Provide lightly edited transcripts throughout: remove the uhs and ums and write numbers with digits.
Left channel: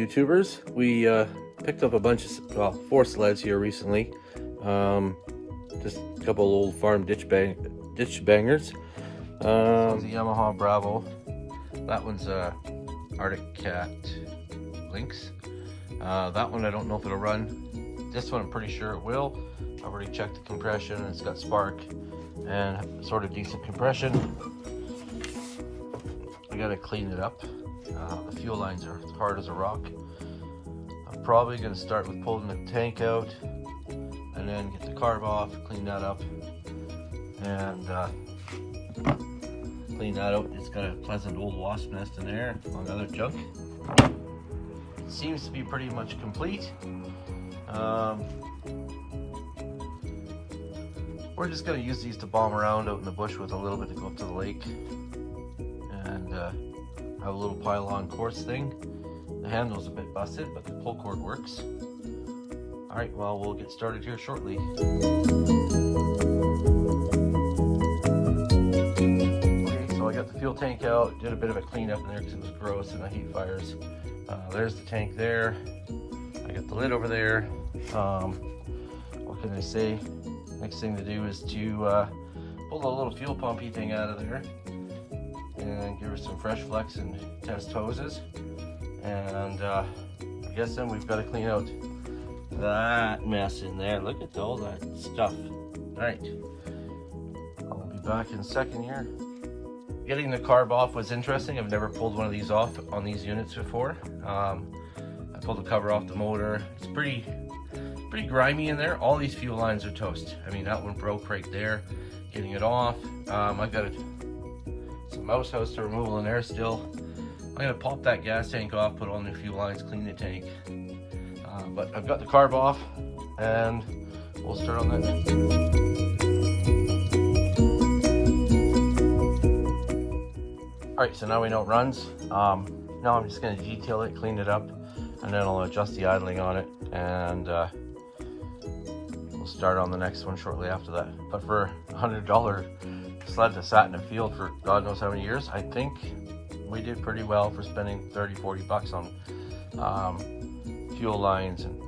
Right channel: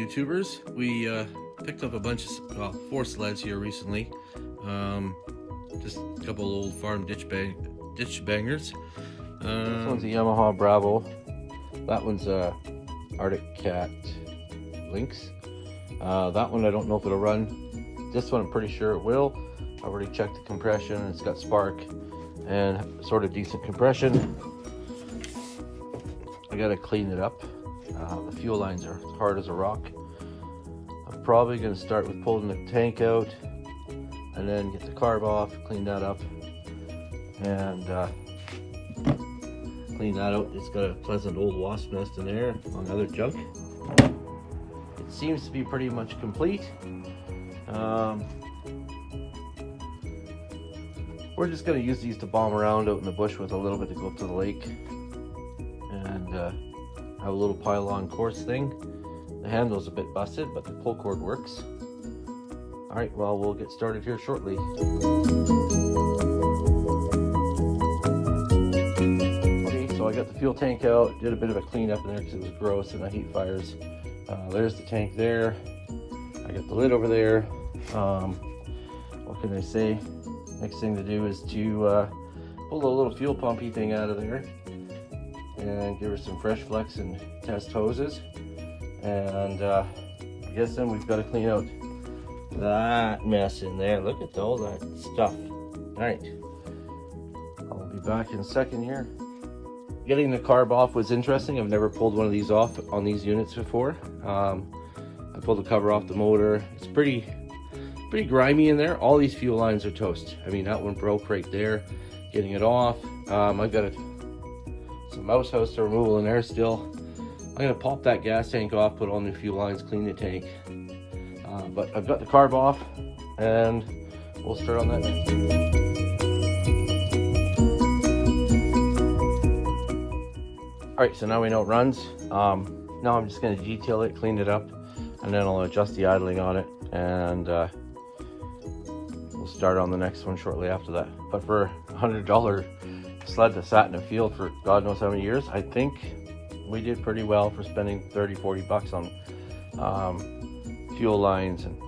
YouTubers. We picked up a bunch of, well, 4 sleds here recently. Just a couple of old farm ditch bangers. This is a Yamaha Bravo. That one's a Arctic Cat Lynx. That one I don't know if it'll run. This one I'm pretty sure it will. I already checked the compression. It's got spark and sort of decent compression. I gotta clean it up. The fuel lines are hard as a rock. I'm probably gonna start with pulling the tank out and then get the carb off, clean that up, and clean that out. It's got a pleasant old wasp nest in there, among other junk. It seems to be pretty much complete. We're just gonna use these to bomb around out in the bush with a little bit to go up to the lake, and have a little pile-on course thing. The handle's a bit busted, but the pull cord works. All right, well, we'll get started here shortly. Okay, so I got the fuel tank out, did a bit of a cleanup in there because it was gross and the heat fires. There's the tank there. I got the lid over there. What can I say? Next thing to do is to pull a little fuel pumpy thing out of there and give her some fresh flex and test hoses. And I'm guessing we've got to clean out that mess in there. Look at all that stuff. All right, I'll be back in a second here. Getting the carb off was interesting. I've never pulled one of these off on these units before. I pulled the cover off the motor. It's pretty grimy in there. All these fuel lines are toast. I mean, that one broke right there. Getting it off. I've got some mouse house removal in there still. I'm gonna pop that gas tank off, put all new fuel lines, clean the tank. But I've got the carb off, and we'll start on that. All right, so now we know it runs. Now I'm just gonna detail it, clean it up, and then I'll adjust the idling on it, and we'll start on the next one shortly after that. But for a $100 sled that sat in the field for God knows how many years, I think we did pretty well for spending 30-40 bucks on fuel lines and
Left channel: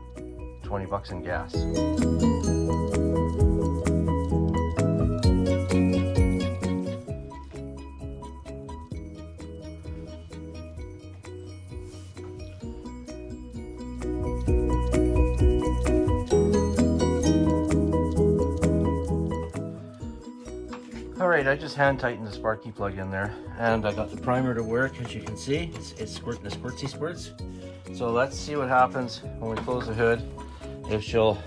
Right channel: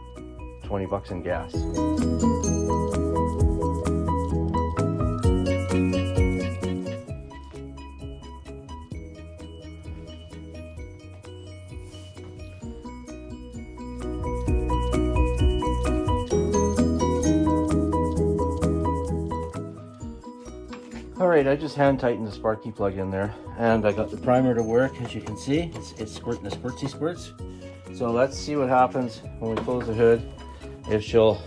20 bucks in gas. Alright, I just hand tightened the sparky plug in there, and I got the primer to work. As you can see, it's squirting the squirtsy squirts. So let's see what happens when we close the hood. If she'll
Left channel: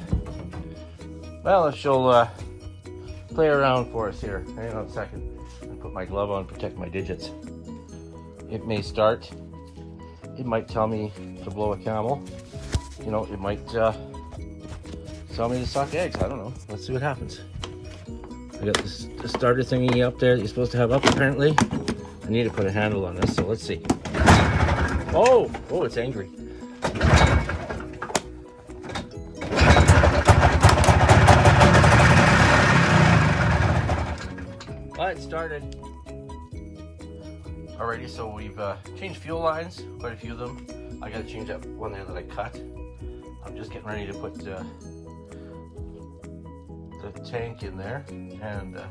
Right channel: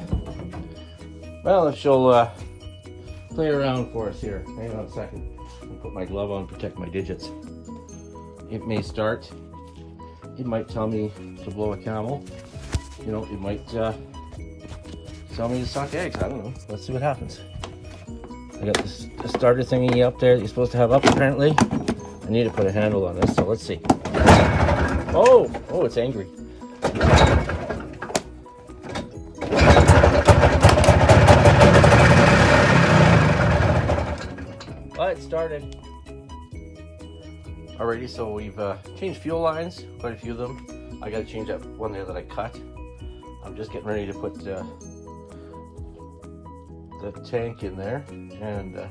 play around for us here. Hang on a second. I'll put my glove on, protect my digits. It may start. It might tell me to blow a camel. You know, it might tell me to suck eggs. I don't know. Let's see what happens. I got the starter thingy up there that you're supposed to have up apparently. I need to put a handle on this, so let's see. Oh, it's angry. Well, it started. Alrighty, so we've changed fuel lines, quite a few of them. I gotta change that one there that I cut. I'm just getting ready to put the tank in there, and then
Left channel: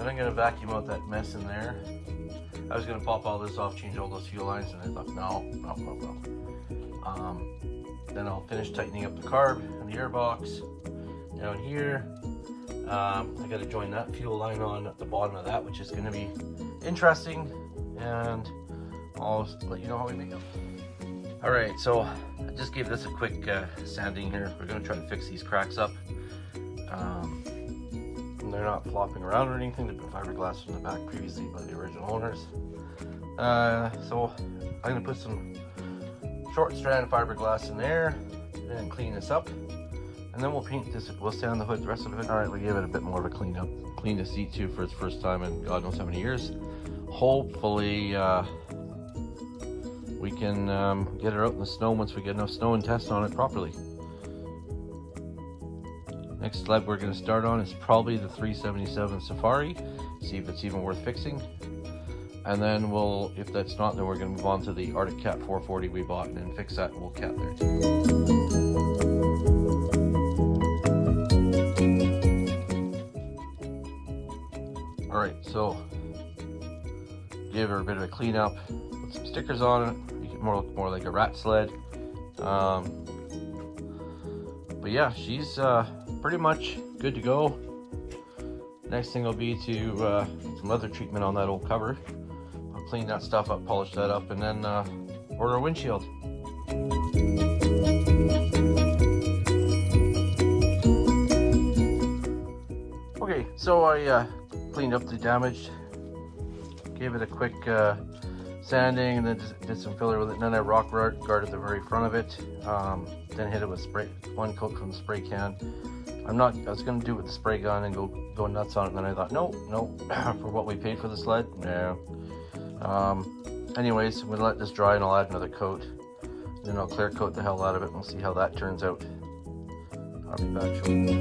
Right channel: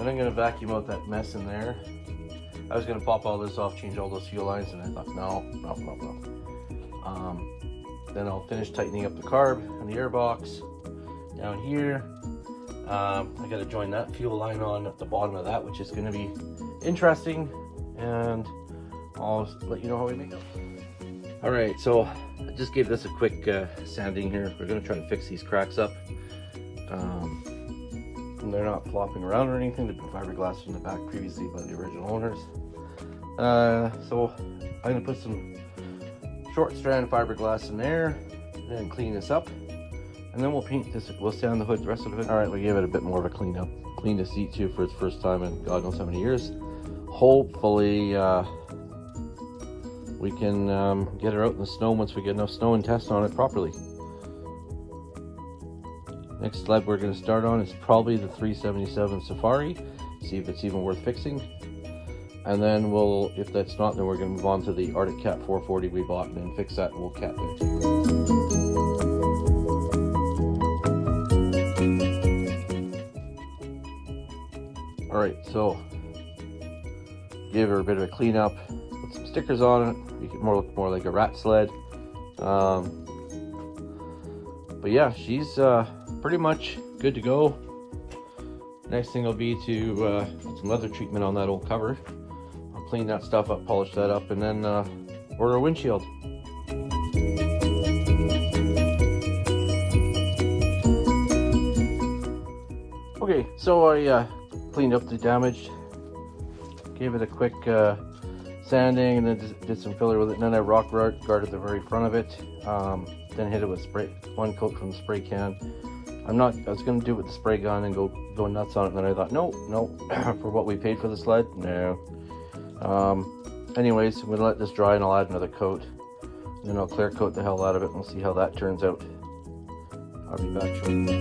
I'm gonna vacuum out that mess in there. I was gonna pop all this off, change all those fuel lines, and I thought, no. Then I'll finish tightening up the carb and the airbox down here. I gotta join that fuel line on at the bottom of that, which is gonna be interesting, and I'll let you know how I think. All right, so I just gave this a quick sanding here. We're gonna try and fix these cracks up. And they're not flopping around or anything. They've been fiberglass from the back previously by the original owners. So I'm gonna put some short strand fiberglass in there and clean this up, and then we'll paint this. We'll sand the hood, the rest of it. All right, we gave it a bit more of a clean up. Cleaned the seat too for the first time in God knows how many years. Hopefully we can get her out in the snow once we get enough snow and test on it properly. Next sled we're going to start on is probably the 377 Safari. See if it's even worth fixing. And then we'll, if that's not, then we're going to move on to the Arctic Cat 440 we bought and then fix that little cat there. Alright, so gave her a bit of a clean up, put some stickers on it, make it look more like a rat sled. But yeah, she's pretty much good to go. Next thing will be to put some leather treatment on that old cover. I'll clean that stuff up, polish that up, and then order a windshield. Okay, so I cleaned up the damage, gave it a quick sanding, and then did some filler with it, and then I rock guarded the very front of it, then hit it with one coat from the spray can. I was going to do it with the spray gun and go nuts on it, and then I thought, no, for what we paid for the sled, no. Anyways, I'm going to let this dry and I'll add another coat. Then I'll clear coat the hell out of it and we'll see how that turns out. I'll be back shortly.